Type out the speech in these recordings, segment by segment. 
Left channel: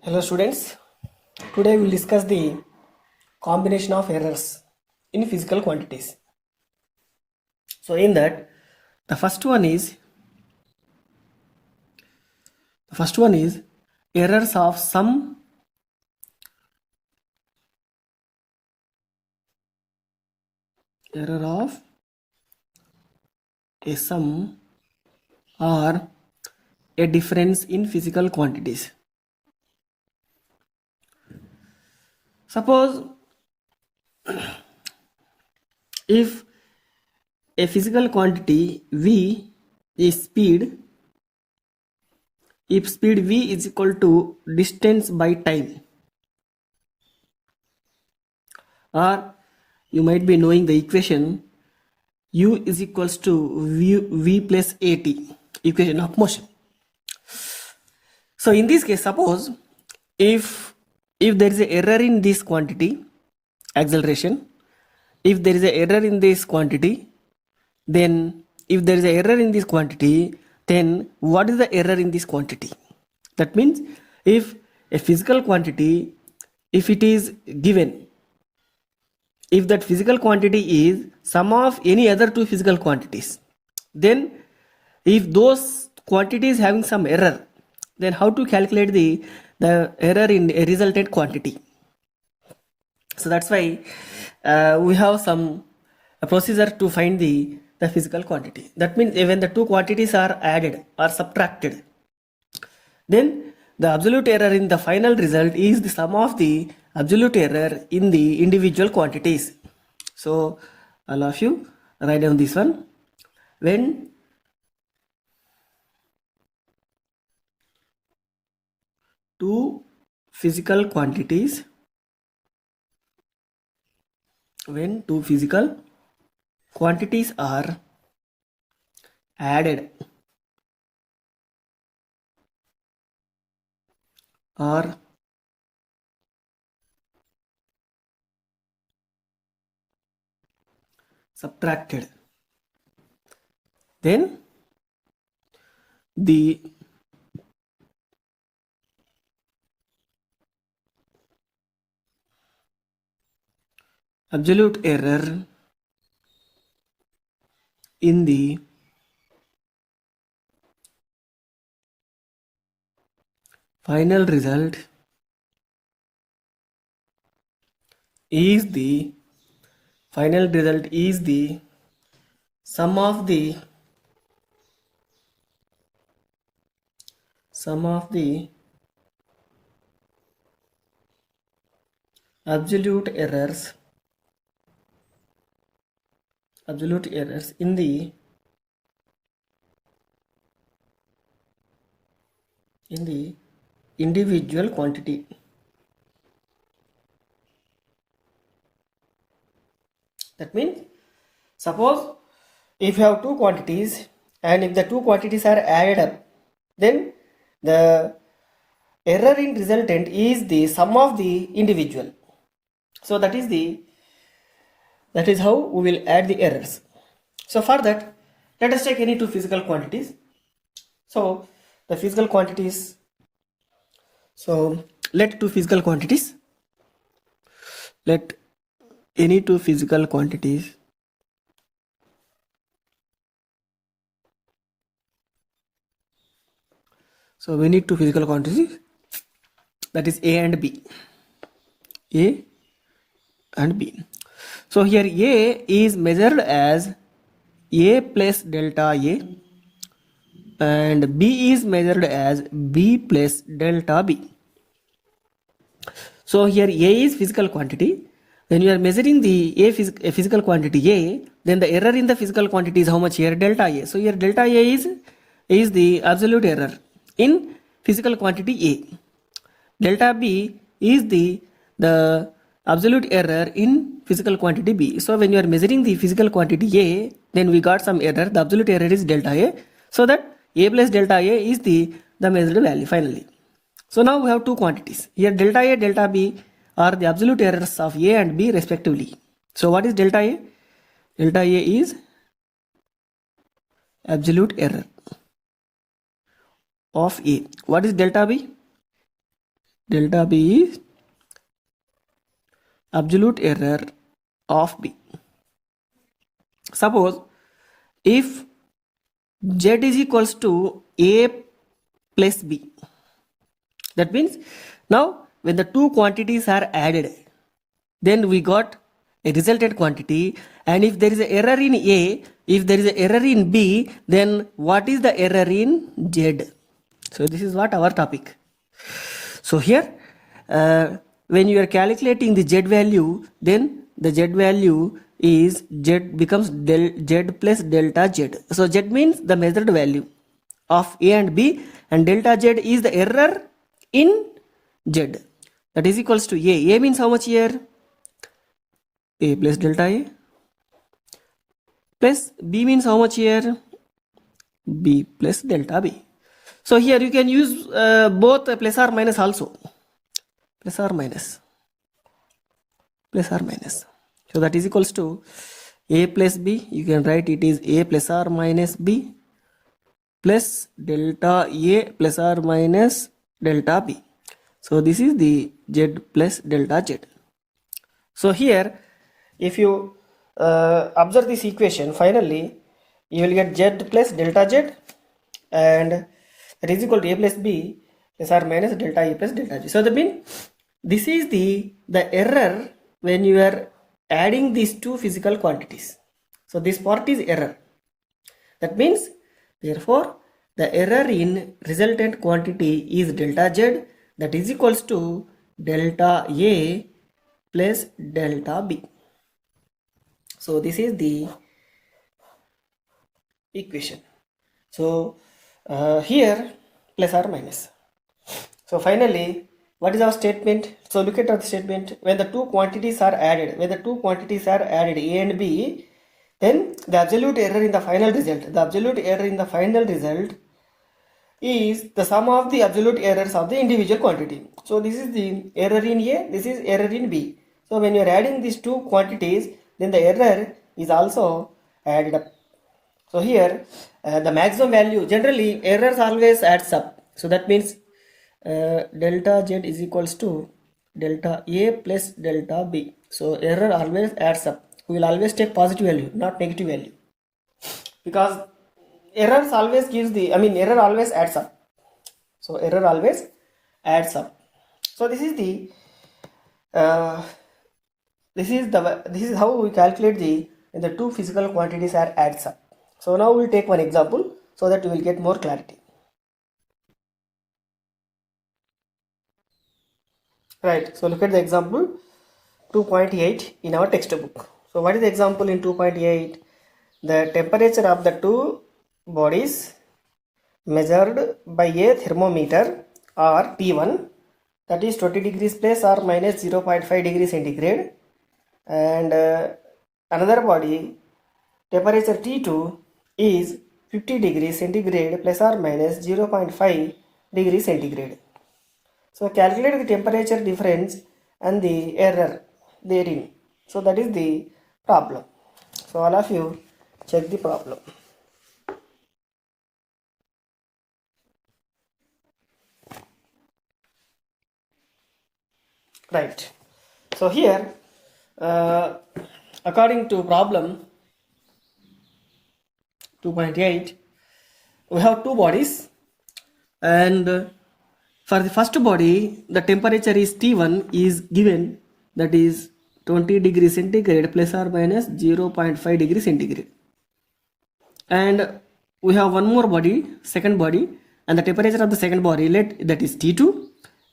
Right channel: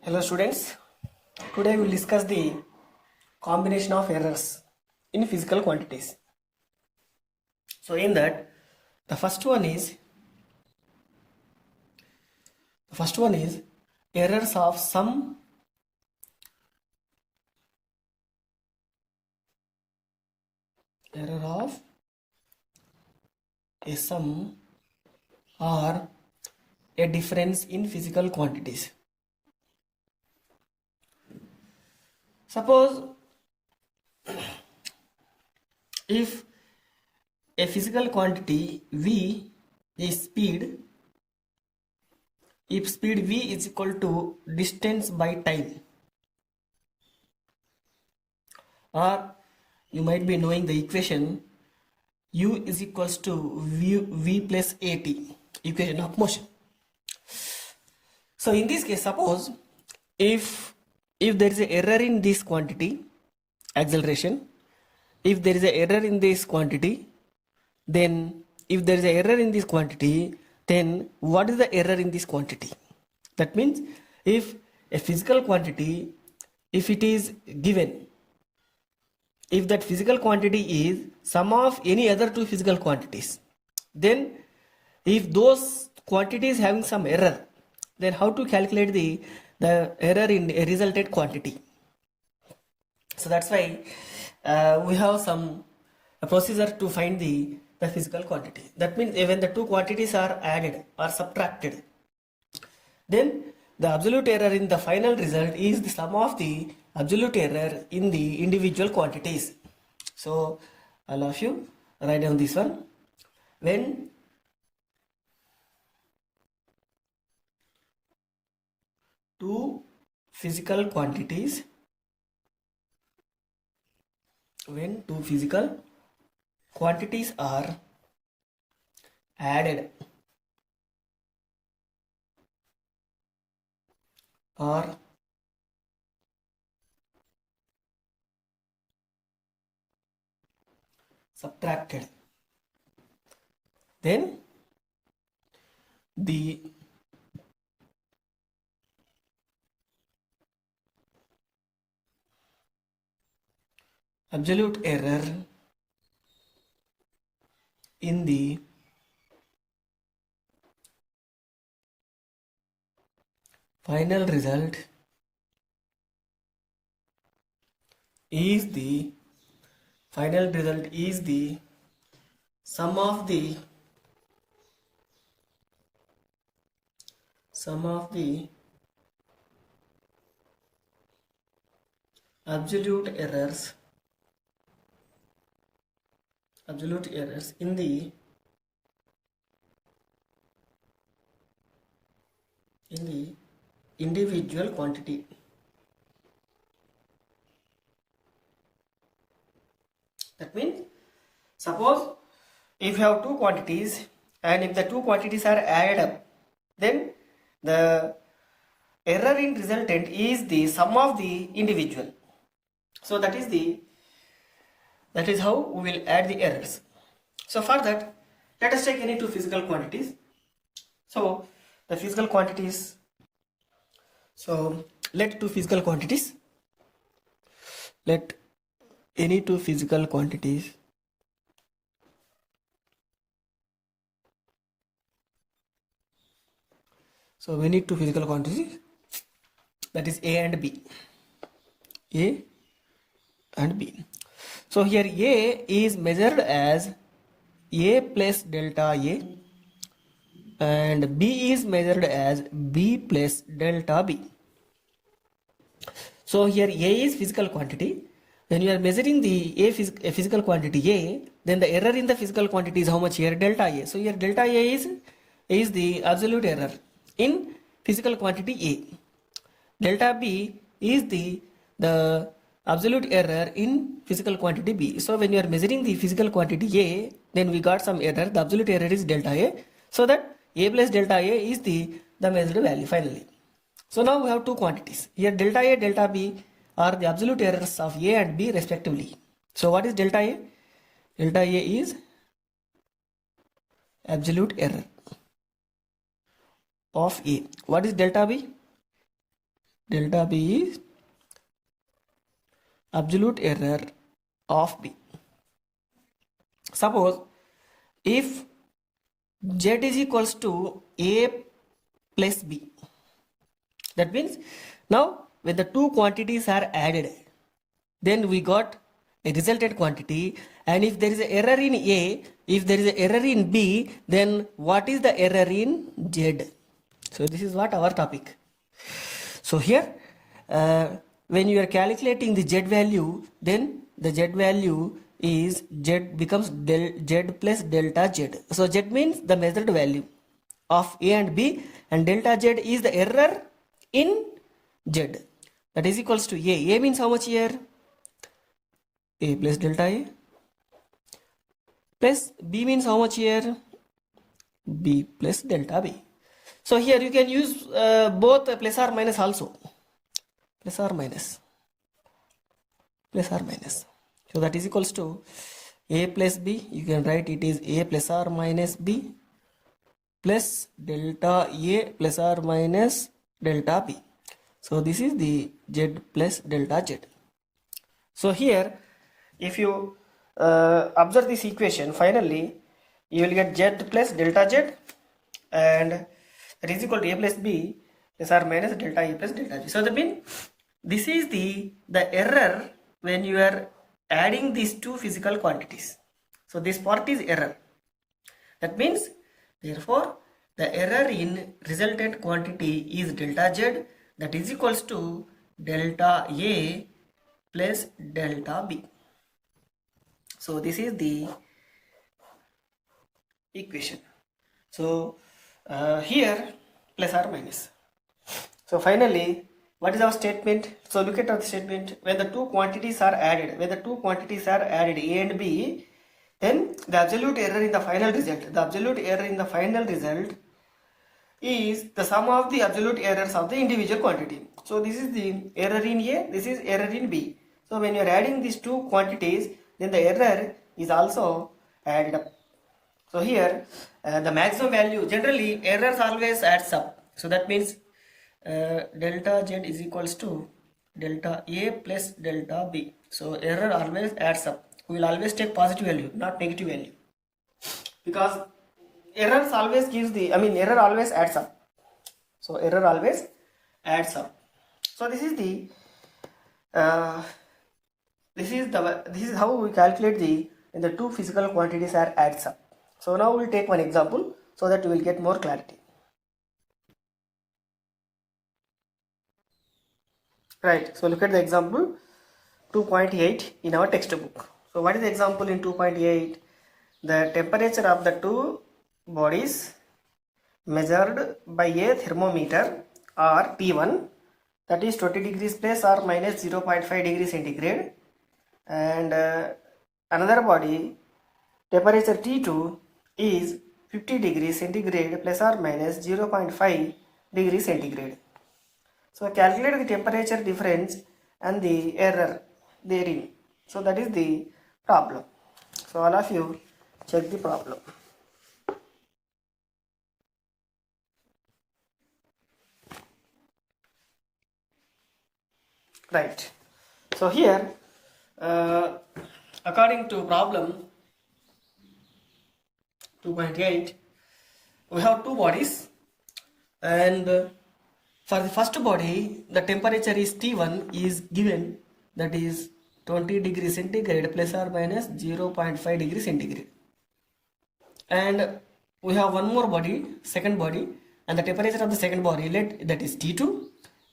Hello students, today we will discuss the combination of errors in physical quantities. So in that, the first one is errors of sum error of a sum or a difference in physical quantities. Suppose if a physical quantity V is speed, if speed V is equal to distance by time, or you might be knowing the equation U is equals to V plus AT, equation of motion. So in this case, suppose if there is an error in this quantity, acceleration, if there is an error in this quantity, then if there is an error in this quantity, then what is the error in this quantity? That means if a physical quantity, if it is given, if that physical quantity is sum of any other two physical quantities, then if those quantities having some error, then how to calculate the error in a resultant quantity? So that's why we have some procedure to find the physical quantity. That means when the two quantities are added or subtracted, then the absolute error in the final result is the sum of the absolute error in the individual quantities. So all of you write down this one. When two physical quantities are added or subtracted, then the absolute error in the final result is the sum of the absolute errors in the individual quantity. That means suppose if you have two quantities and if the two quantities are added up, then the error in resultant is the sum of the individual. So that is how we will add the errors. So for that, let us take any two physical quantities. So the physical quantities, so let any two physical quantities so we need two physical quantities, that is A and B. So here A is measured as A plus delta A and B is measured as B plus delta B. So here A is physical quantity. When you are measuring the a physical quantity A, then the error in the physical quantity is how much here? Delta A. So here delta A is the absolute error in physical quantity A. Delta B is the absolute error in physical quantity B. So when you are measuring the physical quantity A, then we got some error. The absolute error is delta A. So that A plus delta A is the measured value finally. So now we have two quantities. Here delta A, delta B are the absolute errors of A and B respectively. So what is delta A? Delta A is absolute error of A. What is delta B? delta B is absolute error of B. Suppose if Z is equals to A plus B, that means now when the two quantities are added, then we got a resultant quantity, and if there is an error in A, if there is an error in B, then what is the error in Z? So this is what our topic. So here when you are calculating the Z value, then the Z value is Z becomes Z plus delta Z. So Z means the measured value of A and B, and delta Z is the error in Z. That is equals to A. A means how much here? A plus delta A, plus B means how much here? B plus delta B. So here you can use both plus or minus also. Plus or minus. Plus or minus. So that is equals to A plus B. You can write it is A plus or minus B plus delta A plus or minus delta B. So this is the Z plus delta Z. So here if you observe this equation, finally you will get Z plus delta Z, and that is equal to A plus B plus or minus delta A plus delta Z. So that means this is the error when you are adding these two physical quantities. So this part is error. That means therefore the error in resultant quantity is delta Z, that is equals to delta A plus delta B. So this is the equation. So here plus or minus. So finally, what is our statement? So look at our statement. When the two quantities are added, A and B, then the absolute error in the final result, is the sum of the absolute errors of the individual quantity. So this is the error in A, this is error in B. So when you are adding these two quantities, then the error is also added up. So here the maximum value, generally errors always adds up. So that means delta Z is equals to delta A plus delta B. So error always adds up. We will always take positive value, not negative value, because errors always gives error always adds up. So error always adds up. So this is the this is how we calculate when the two physical quantities are adds up. So now we will take one example so that you will get more clarity. Right. So look at the example 2.8 in our textbook. So what is the example in 2.8? The temperature of the two bodies measured by a thermometer are T1, that is 20 degrees plus or minus 0.5 degrees centigrade, and another body temperature T2 is 50 degrees centigrade plus or minus 0.5 degrees centigrade. So calculate the temperature difference and the error therein. So that is the problem. So all of you check the problem. Right. So here according to problem 2.8, we have two bodies, and for the first body the temperature is T1 is given, that is 20 degrees centigrade plus or minus 0.5 degrees centigrade, and we have one more body, second body, and the temperature of the second body, that is T2,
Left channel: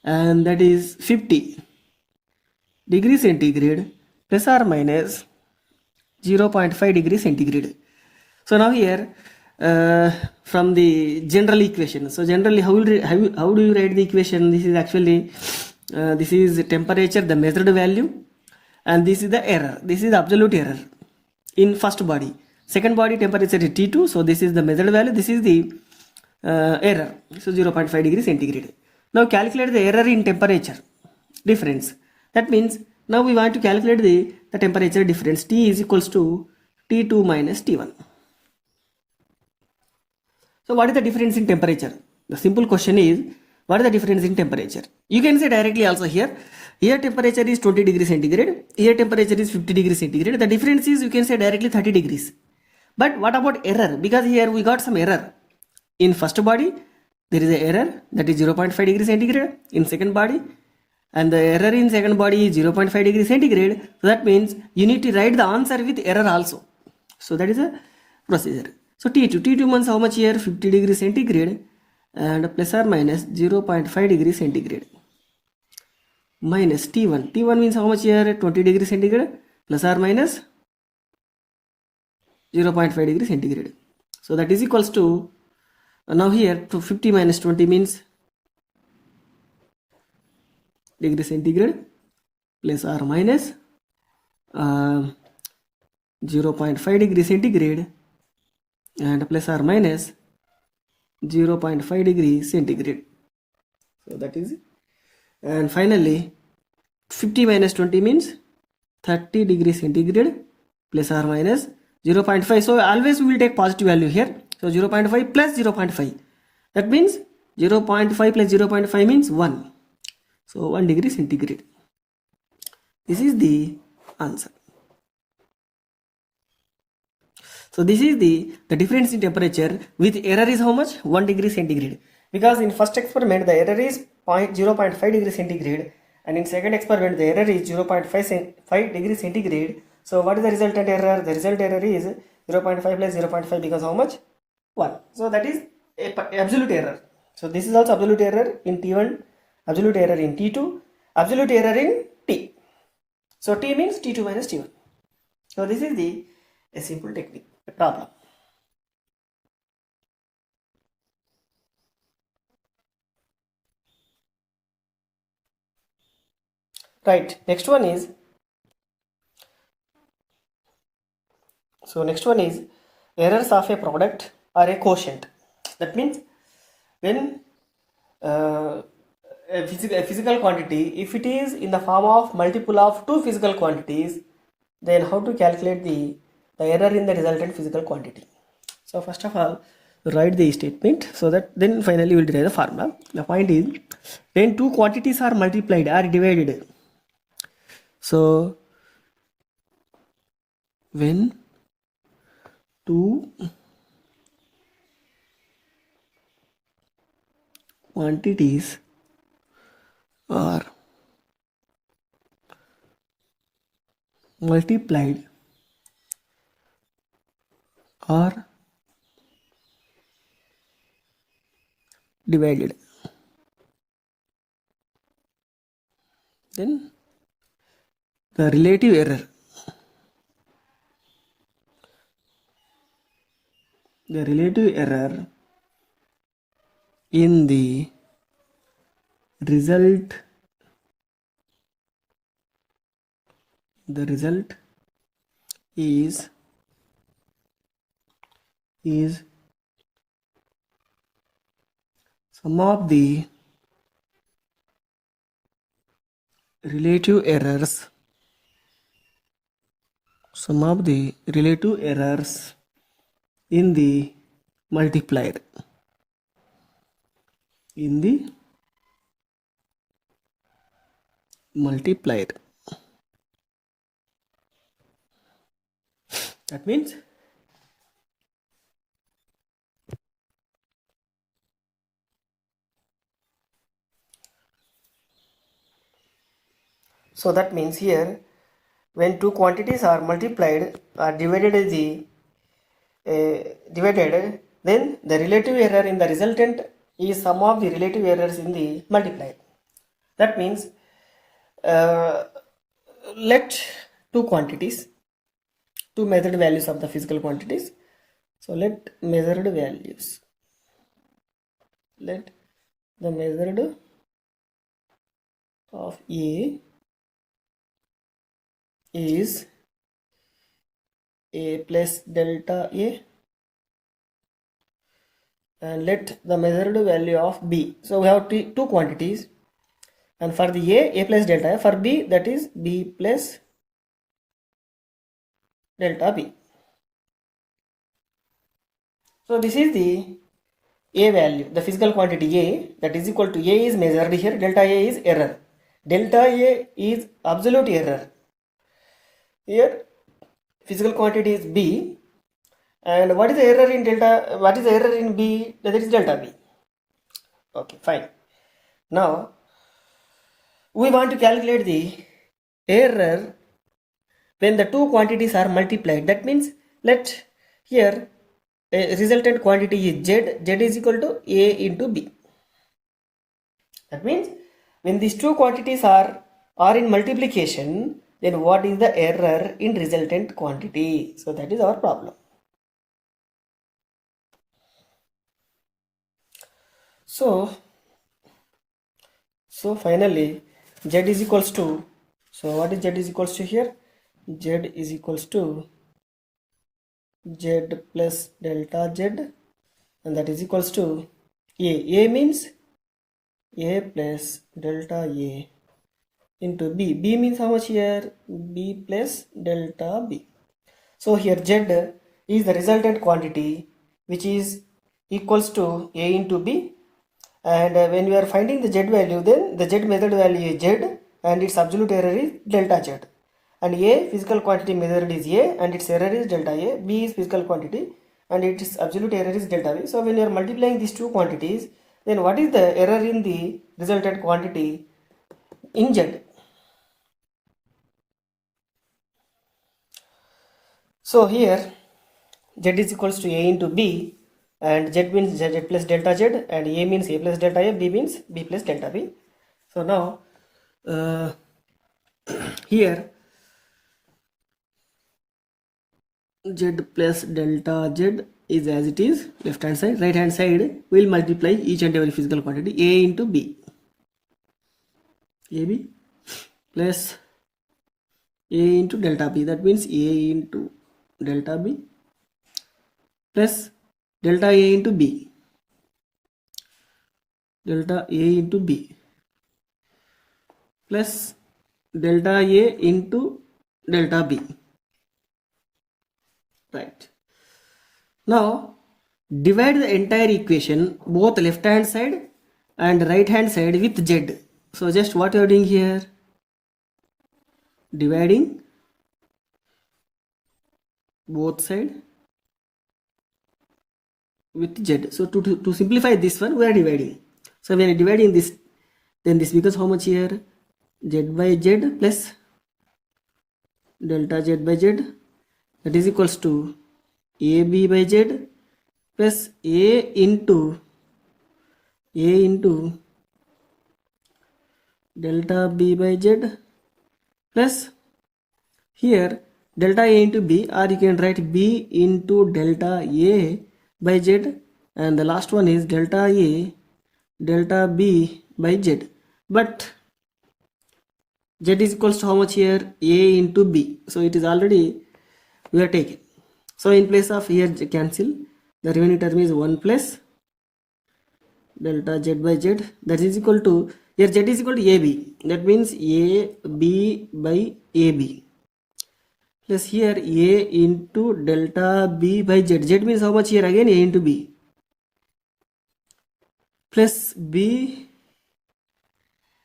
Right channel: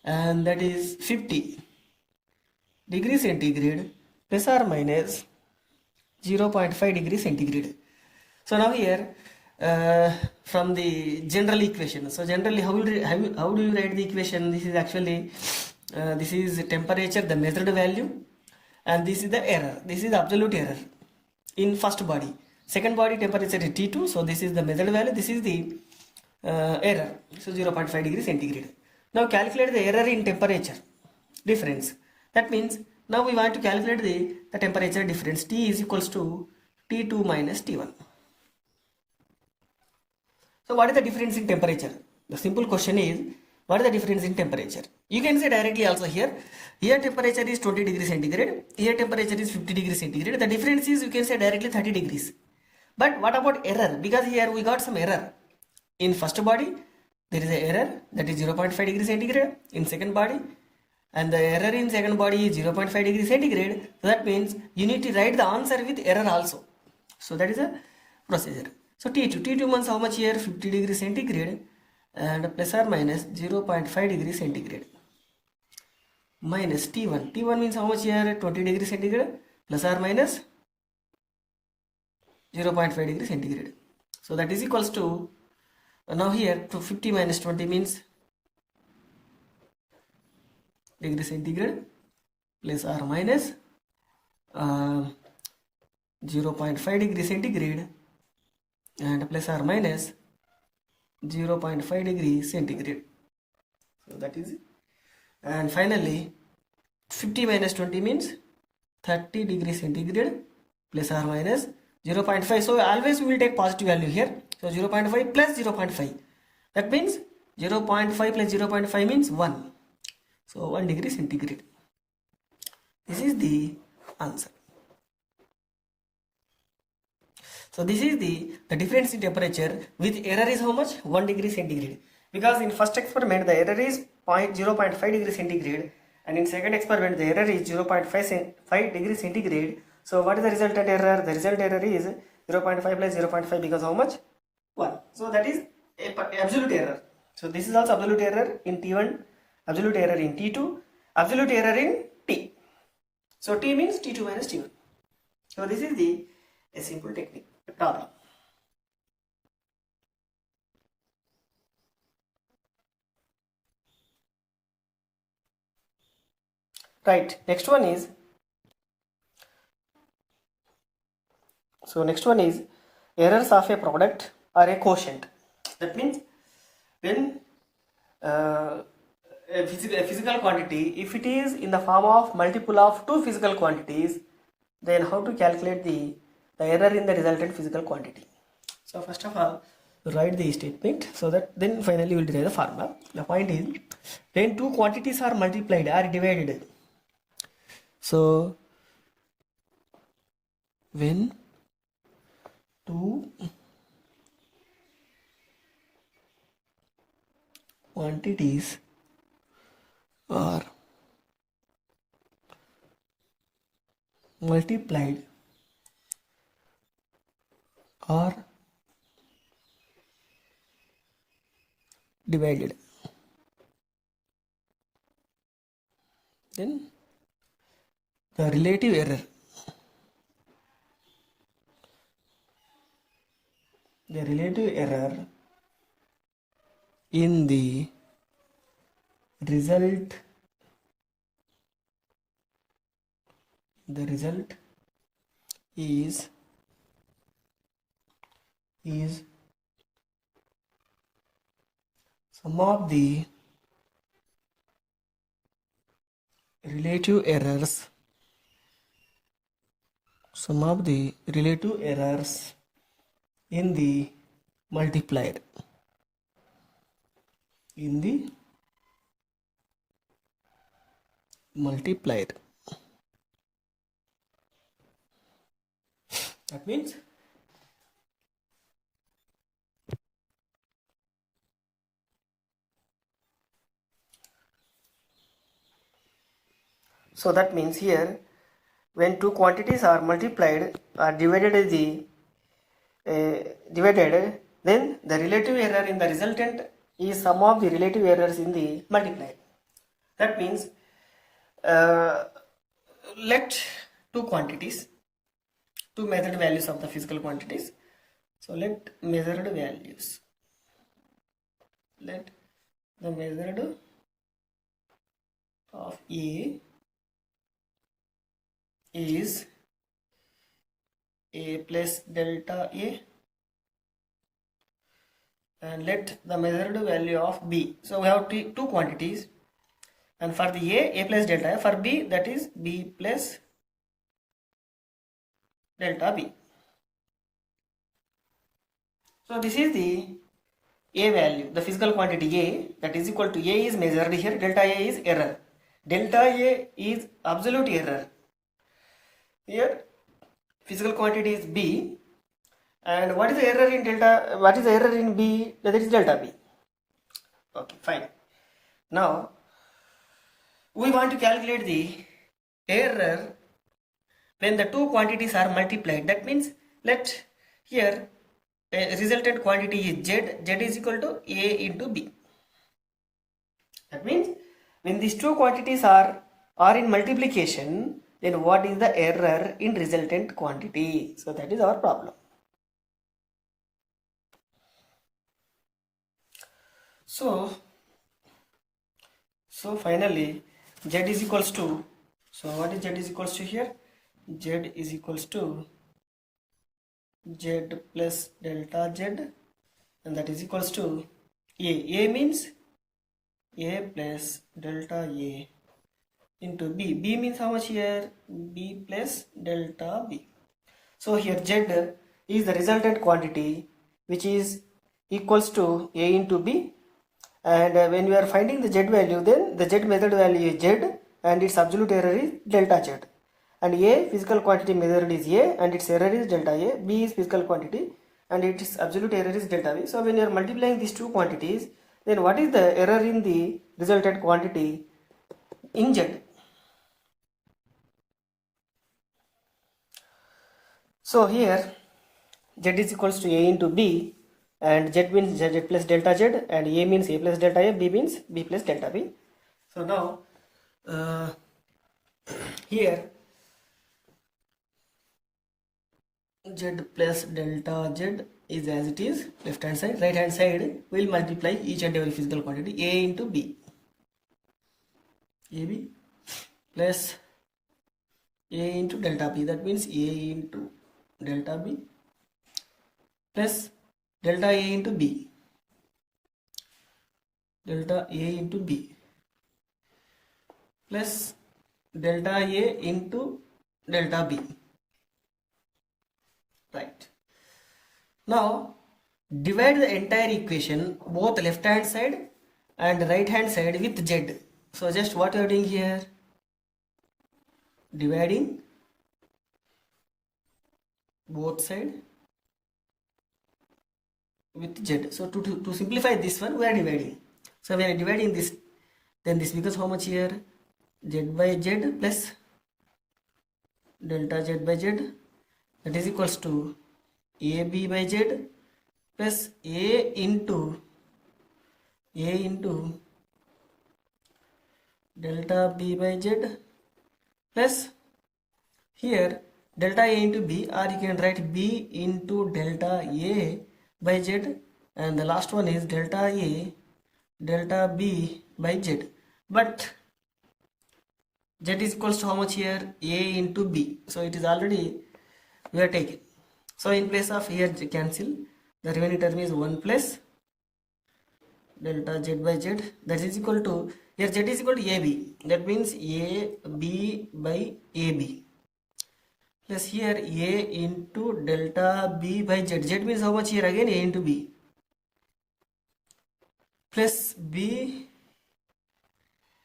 and that is 50 degrees centigrade plus or minus 0.5 degrees centigrade. So now here from the general equation, so generally how do you write the equation? This is actually this is temperature, the measured value, and this is the error, this is the absolute error in first body. Second body temperature is T2, so this is the measured value, this is the error, so 0.5 degrees centigrade. Now calculate the error in temperature difference. That means now we want to calculate the temperature difference. T is equals to T2 minus T1. So what is the difference in temperature? The simple question is, what is the difference in temperature? You can say directly also here. Here temperature is 20 degrees centigrade. Here temperature is 50 degrees centigrade. The difference is, you can say directly 30 degrees. But what about error? Because here we got some error. In first body, there is an error, that is 0.5 degrees centigrade. In second body, and the error in second body is 0.5 degrees centigrade. So that means you need to write the answer with error also. So that is a procedure. So T2 means how much here? 50 degrees centigrade and plus or minus 0.5 degrees centigrade. Minus T1 means how much here? 20 degrees centigrade plus or minus 0.5 degrees centigrade. So that is equals to, now here to 50 minus 20 means degree centigrade plus or minus 0.5 degree centigrade and plus or minus 0.5 degree centigrade. So that is it. And finally 50 minus 20 means 30 degree centigrade plus or minus 0.5. So always we will take positive value here. So 0.5 plus 0.5, that means 0.5 plus 0.5 means 1. So 1 degree centigrade. This is the answer. So this is the difference in temperature with error is how much? 1 degree centigrade. Because in first experiment the error is 0.5 degree centigrade, and in second experiment the error is 0.5 degree centigrade. So what is the resultant error? The result error is 0.5 plus 0.5 because how much? 1. So that is absolute error. So this is also absolute error in T1, absolute error in T2, absolute error in T. So T means T2 minus T1. So this is a simple technique, a problem. Right, next one is, errors of a product are a quotient. That means when a physical quantity, if it is in the form of multiple of two physical quantities, then how to calculate the error in the resultant physical quantity. So first of all, write the statement, so that then finally we will derive the formula. The point is, when two quantities are multiplied or divided, so when two quantities are multiplied or divided, then the relative error in the result is sum of the relative errors in the multiplied. That means here when two quantities are multiplied or divided, then the relative error in the resultant is sum of the relative errors in the multiplied. That means let two measured values of the physical quantities. So let the measured of A is A plus delta A, and let the measured value of B. So we have two quantities, and for the A plus delta A, for B that is B plus delta B. So this is the A value, the physical quantity A, that is equal to A is measured here, delta A is error. Delta A is absolute error. Here physical quantity is B, and what is the error in delta, what is the error in B? That is delta B. Okay, fine. Now we want to calculate the error when the two quantities are multiplied. That means let here a resultant quantity is Z is equal to A into B. That means when these two quantities are in multiplication, then what is the error in resultant quantity? So that is our problem. So finally Z is equals to, so what is Z is equals to here? Z is equals to Z plus delta Z, and that is equals to A. A means A plus delta A into B. B means how much here? B plus delta B. So here Z is the resultant quantity which is equals to A into B, and when we are finding the Z value, then the Z measured value is Z and its absolute error is delta Z, and A physical quantity measured is A and its error is delta A. B is physical quantity and its absolute error is delta B. So when you are multiplying these two quantities, then what is the error in the resultant quantity in Z? So here Z is equals to A into B, and Z means Z plus delta Z, and A means A plus delta A, B means B plus delta B. So now here Z plus delta Z is as it is, left hand side. Right hand side we will multiply each and every physical quantity A into B. AB plus A into delta B, that means A into delta B plus delta A into B, delta A into B plus delta A into delta B. Right. Now divide the entire equation, both left hand side and right hand side, with Z. So just what you are doing here, dividing both side with Z. So to simplify this one, we are dividing. So when dividing this, then this becomes how much here? Z by Z plus delta Z by Z, that is equals to AB by Z plus A into delta B by Z plus here delta A into B, or you can write B into delta A by Z, and the last one is delta A delta B by Z. But Z is equals to how much here? A into B. So it is already we are taking. So in place of here cancel, the remaining term is 1 plus delta Z by Z, that is equal to, here Z is equal to AB, that means AB by AB, plus here A into delta B by Z. Z means how much here again? A into B, plus B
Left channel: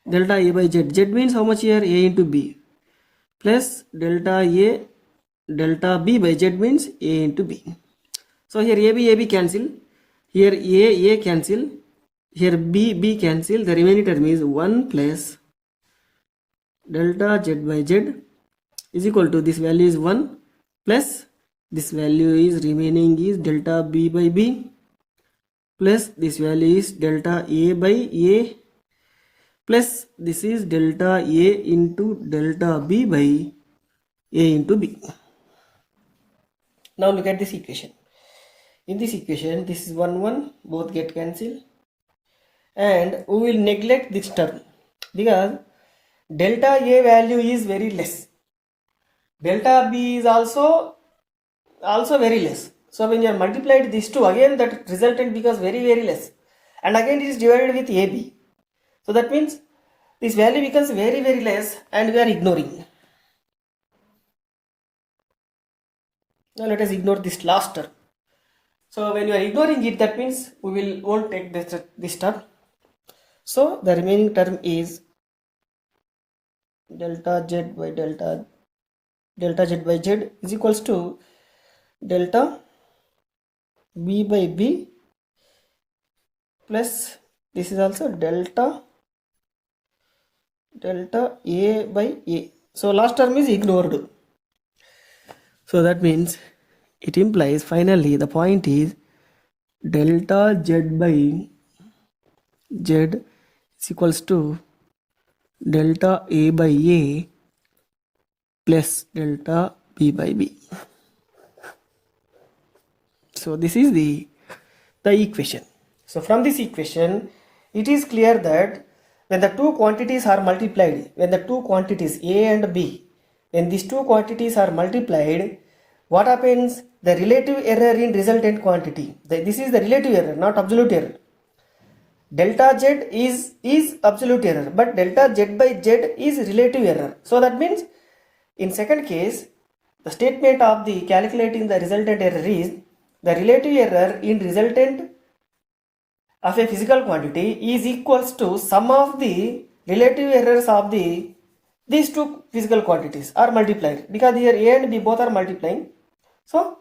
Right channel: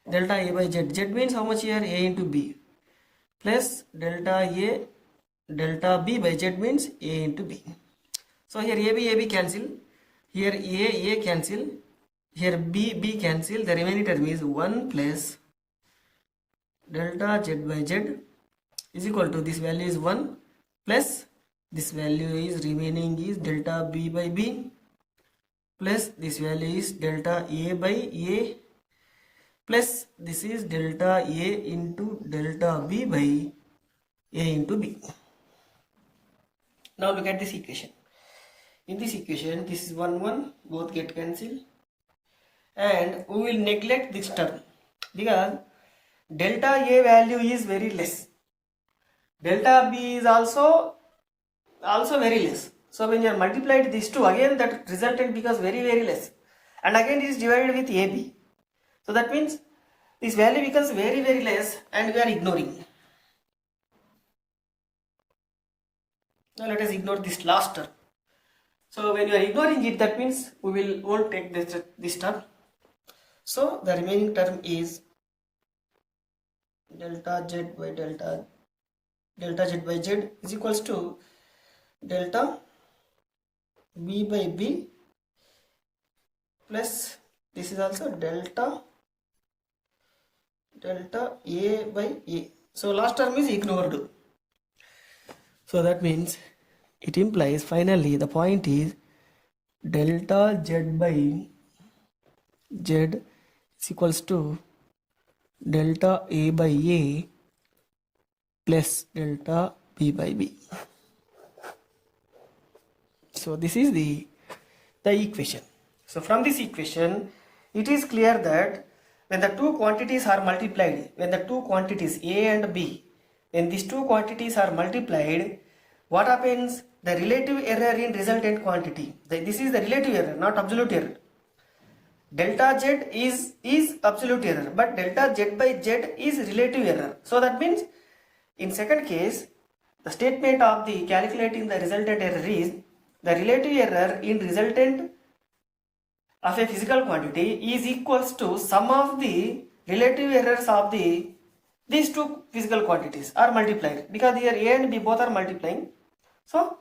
delta A by Z. Z means how much here? A into B, plus delta A delta B by Z means A into B. So here AB cancel, here A cancel, here B cancel, the remaining term is 1 plus delta Z by Z is equal to, this value is 1 plus this value is remaining is delta B by B plus this value is delta A by A plus this is delta A into delta B by A into B. Now look at this equation. In this equation, this is 1 both get cancelled, and we will neglect this term because delta A value is very less, delta B is also very less. So when you are multiplied these two, again that resultant becomes very less, and again it is divided with AB. So that means this value becomes very less, and we are ignoring. Now let us ignore this last term. So when you are ignoring it, that means won't take this term. So the remaining term is delta z by delta z by z is equals to delta b by b plus this is also delta a by a. So last term is ignored. So that means it implies finally the point is delta z by z is equals to delta a by a plus delta b by b. So this is the equation. So from this equation, it is clear that when the two quantities are multiplied, when the two quantities A and B, when these two quantities are multiplied, what happens? The relative error in resultant quantity. This is the relative error, not absolute error. Delta Z is absolute error, but delta Z by Z is relative error. So that means in second case, the statement of the calculating the resultant error is the relative error in resultant of a physical quantity is equals to sum of the relative errors of these two physical quantities are multiplied, because here A and B both are multiplying. So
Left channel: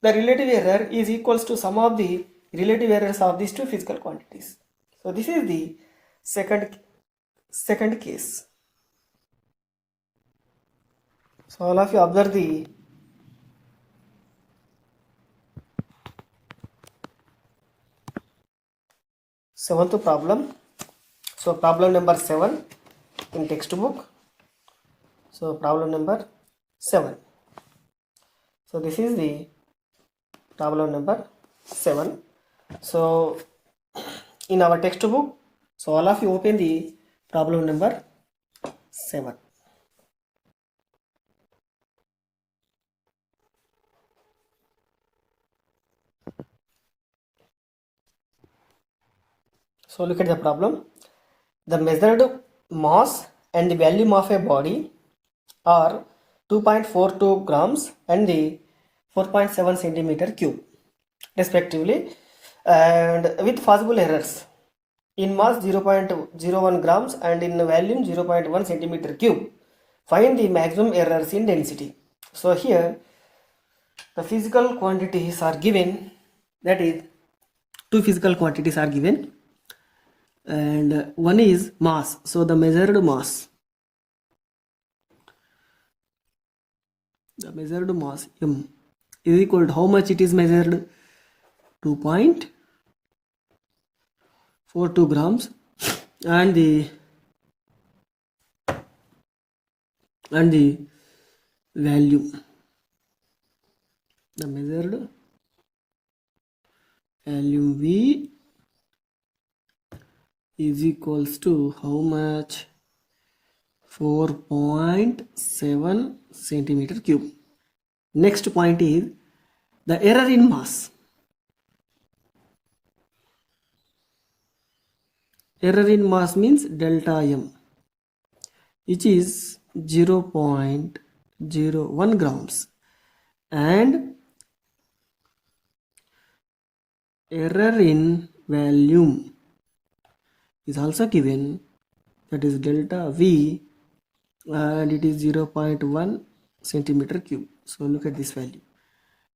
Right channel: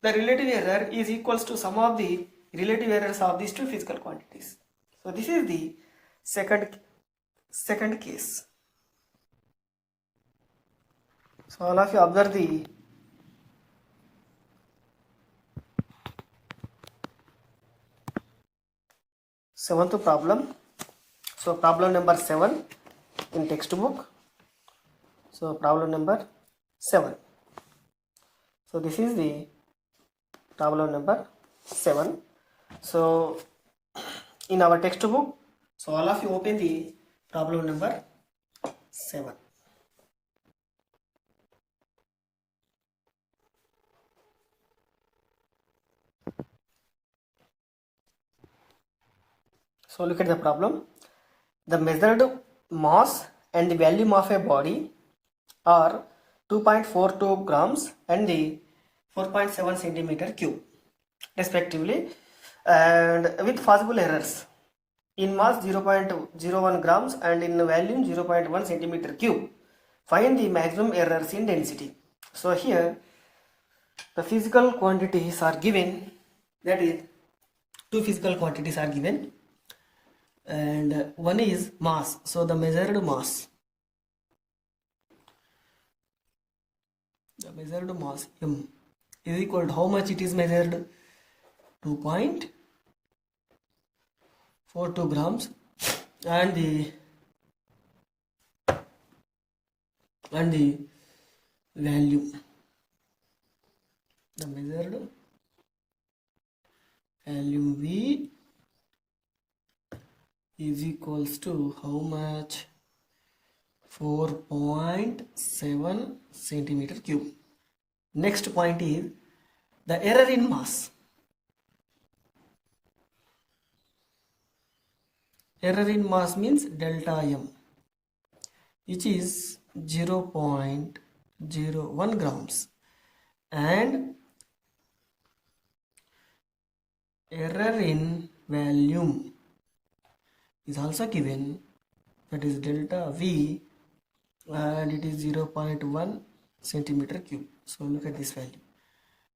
the relative error is equals to sum of the relative errors of these two physical quantities. So this is the second case. So all of you observe the seventh problem. So problem number 7 in textbook. So problem number 7. So this is the problem number 7. So in our textbook, so all of you open the problem number 7. So look at the problem. The measured mass and the volume of a body are 2.42 grams and the 4.7 centimeter cube respectively, and with possible errors in mass 0.01 grams and in volume 0.1 centimeter cube. Find the maximum errors in density. So here the physical quantities are given, that is two physical quantities are given, and one is mass. So the measured mass m is equal to how much it is measured, 2.42 grams, and the value, the measured value V is equals to how much, 4.7 centimeter cube. Next point is the error in mass. Error in mass means delta m, which is 0.01 grams, and error in volume is also given, that is delta V, and it is 0.1 centimeter cube. So look at this value.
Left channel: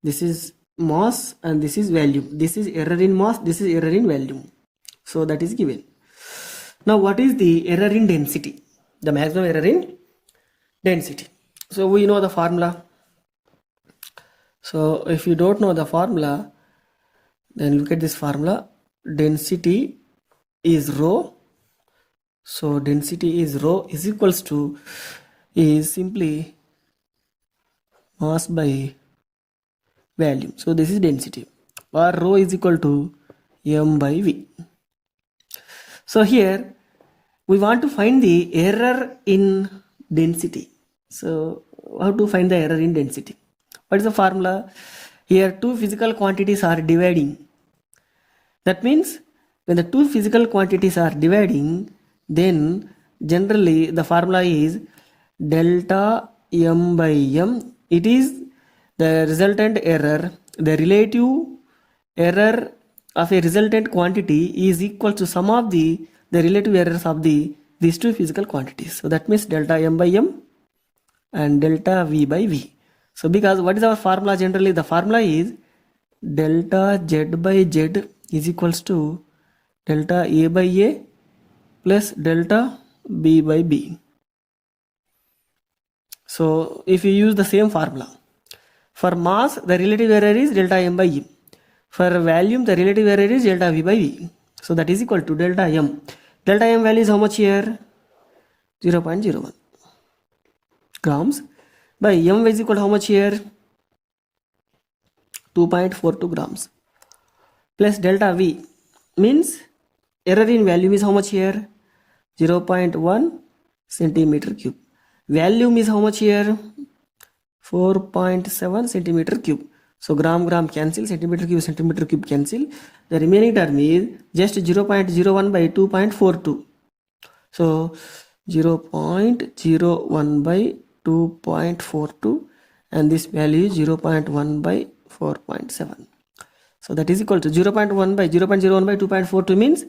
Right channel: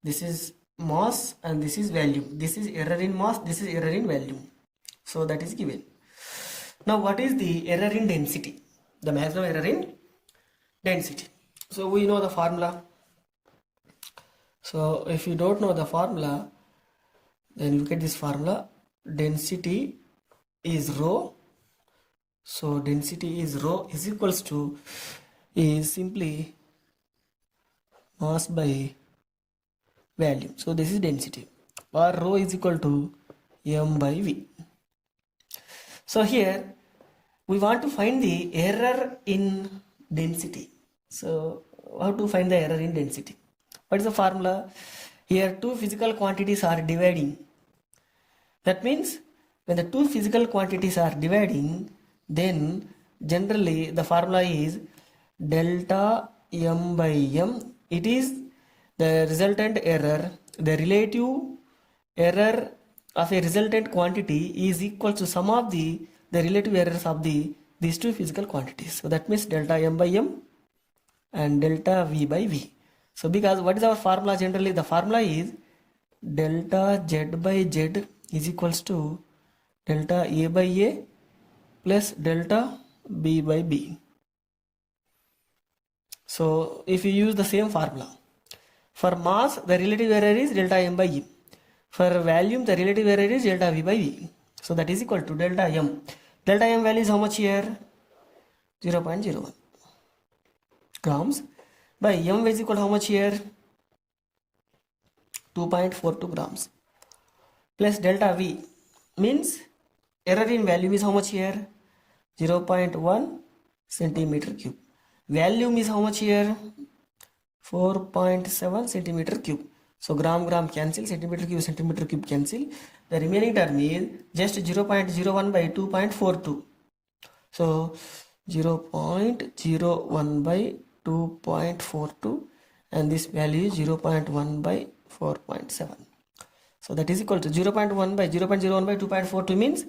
This is mass and this is volume. This is error in mass, this is error in volume. So that is given. Now what is the error in density? The maximum error in density. So we know the formula. So if you don't know the formula, then look at this formula. Density is rho. So density is rho is equals to, is simply mass by volume. So this is density, or rho is equal to m by v. So here we want to find the error in density. So how to find the error in density? What is the formula? Here two physical quantities are dividing. That means when the two physical quantities are dividing, then generally the formula is delta m by m. It is the resultant error, the relative error of a resultant quantity is equal to sum of the relative errors of these two physical quantities. So that means delta m by m and delta v by v. So because what is our formula generally? The formula is delta z by z is equals to delta a by a plus delta b by b. So if you use the same formula, for mass the relative error is delta m by e. For volume the relative error is delta v by v. So that is equal to delta m. Delta m value is how much here? 0.01 grams by m is equal to how much here? 2.42 grams plus delta v means error in volume is how much here? 0.1 centimeter cube. Volume is how much here? 4.7 centimeter cube. So gram cancel, centimeter cube cancel. The remaining term is just 0.01 by 2.42. So 0.01 by 2.42 and this value is 0.1 by 4.7. So that is equal to 0.1 by 2.42 means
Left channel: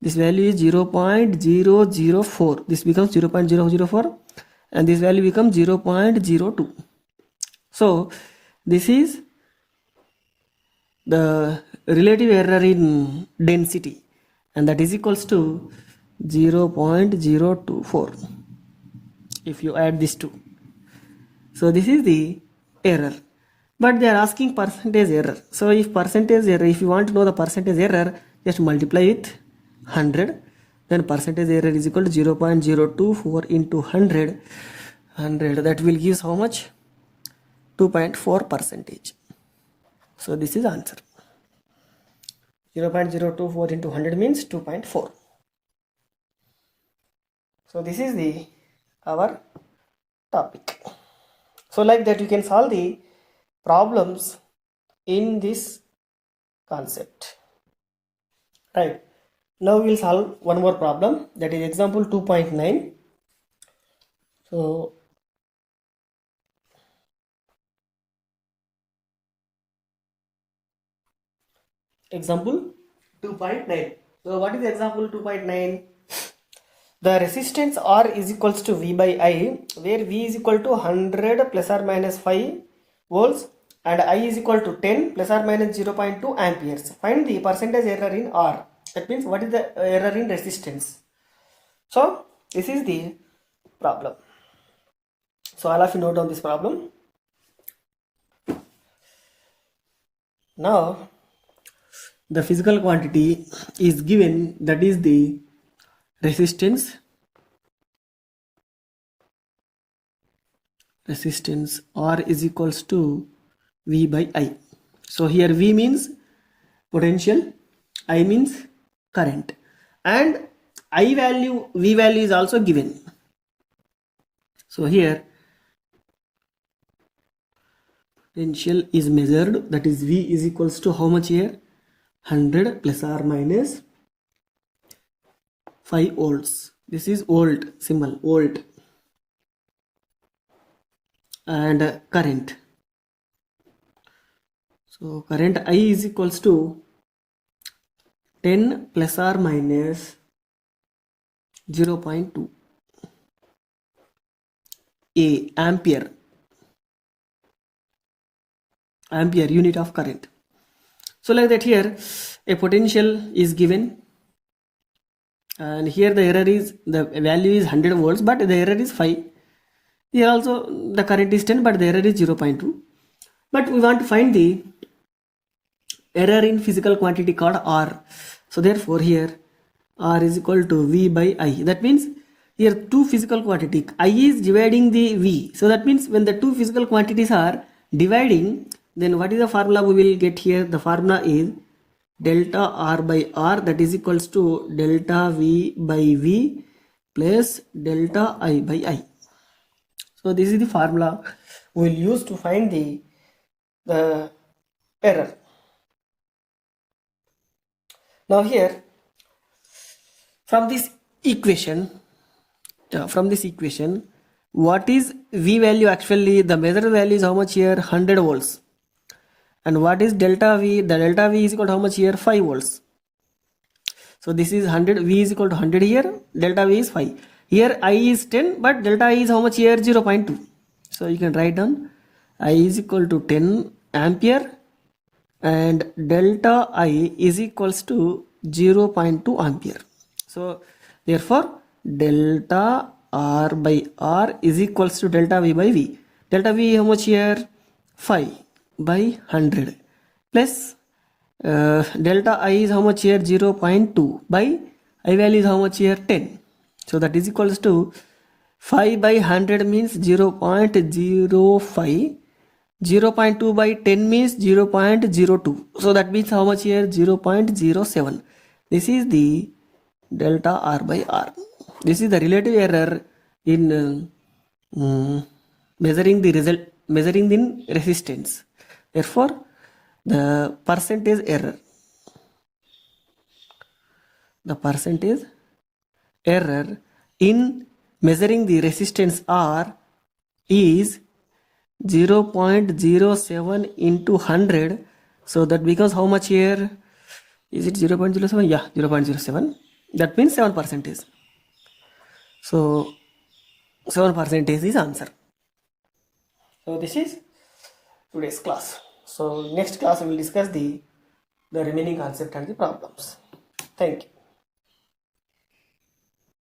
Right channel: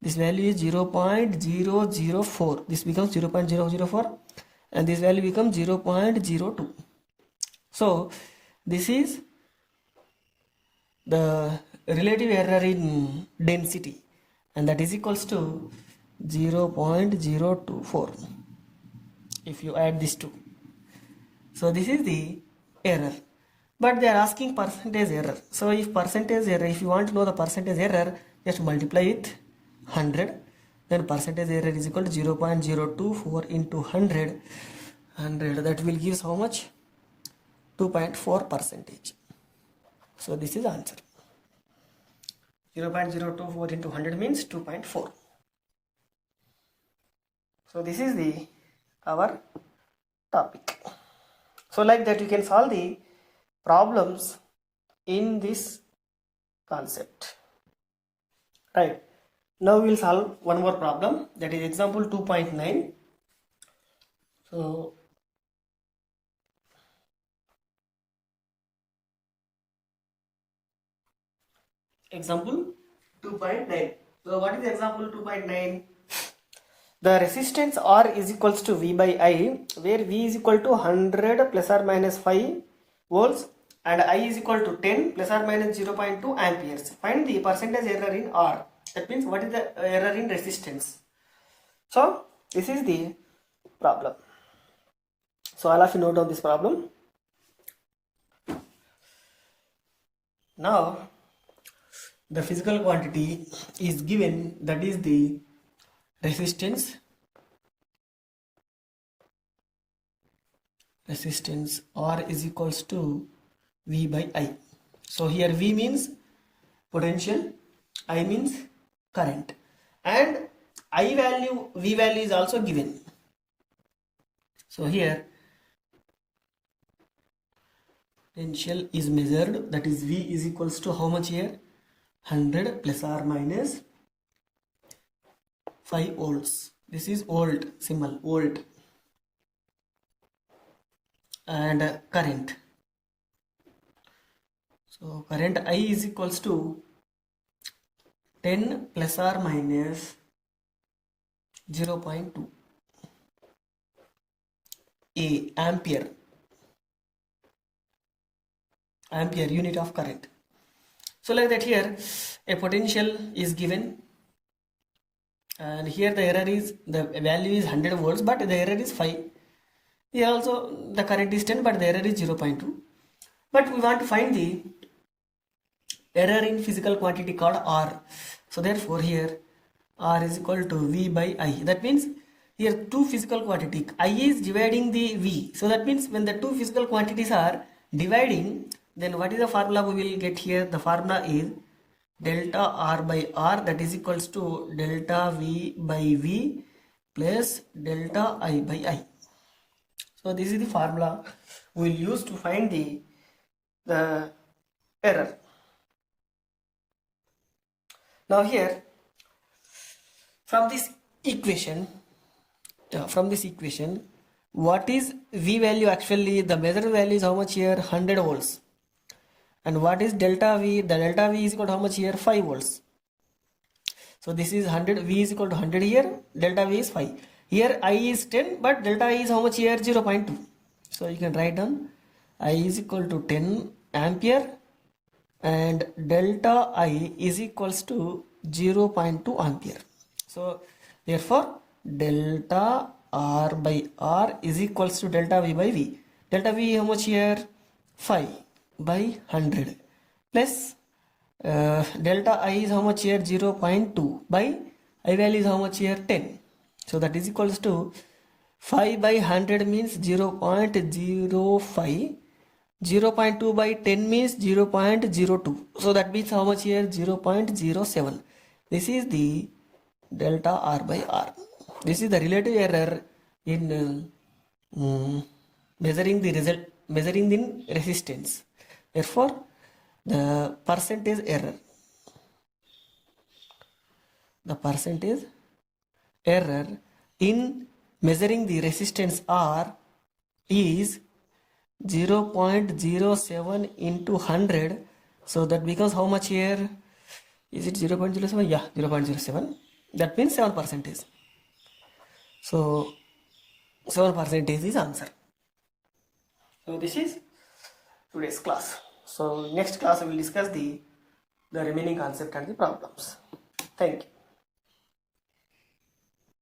this value is 0.004. This becomes 0.004 and this value becomes 0.02. So this is the relative error in density and that is equals to 0.024 if you add these two. So this is the error, but they are asking percentage error. So if percentage error, if you want to know the percentage error, just multiply with 100, then percentage error is equal to 0.024 into 100, that will give how much? 2.4%. So this is answer. 0.024 into 100 means 2.4. So this is our topic. So like that you can solve the problems in this concept. Right. Now we will solve one more problem, that is example 2.9. So example 2.9. So what is example 2.9? The resistance R is equals to V by I, where V is equal to 100 plus or minus 5 volts and I is equal to 10 plus or minus 0.2 amperes. Find the percentage error in R. That means what is the error in resistance. So this is the problem. So all of you note down this problem. Now the physical quantity is given, that is the resistance R is equals to V by I. So here V means potential, I means current, and I value, V value is also given. So here potential is measured, that is V is equals to how much here? 100 plus or minus 5 volts. This is volt symbol, volt, and current. So current I is equals to 10 plus or minus 0.2 ampere unit of current. So like that here a potential is given, and here the error is, the value is 100 volts but the error is 5. Here also the current is 10 but the error is 0.2. But we want to find the error in physical quantity called R. So therefore here R is equal to V by I. That means here two physical quantity, I is dividing the V. So that means when the two physical quantities are dividing, then what is the formula we will get here? The formula is delta R by R, that is equals to delta V by V plus delta I by I. So this is the formula we will use to find the error. Now here from this equation, what is V value? Actually the measured value is how much here? 100 volts, And what is delta V? The delta V is equal to how much here? 5 volts. So this is 100, V is equal to 100 here, delta V is 5. Here I is 10, but delta I is how much here? 0.2. So you can write down I is equal to 10 ampere and delta I is equals to 0.2 ampere. So therefore delta R by R is equals to delta V by V. Delta V how much here? 5 by 100 plus delta I is how much here? 0.2 by I value is how much here? 10. So that is equals to 5 by 100 means 0.05. 0.2 by 10 means 0.02. So that means how much here? 0.07. This is the delta R by R. This is the relative error in measuring the result, measuring in resistance. Therefore, the percentage error in measuring the resistance R is 0.07 into 100. So that becomes how much here? Is it 0.07? Yeah, 0.07. That means 7%. So 7% is answer. So this is today's class. So next class we will discuss the remaining concept and the problems. Thank you.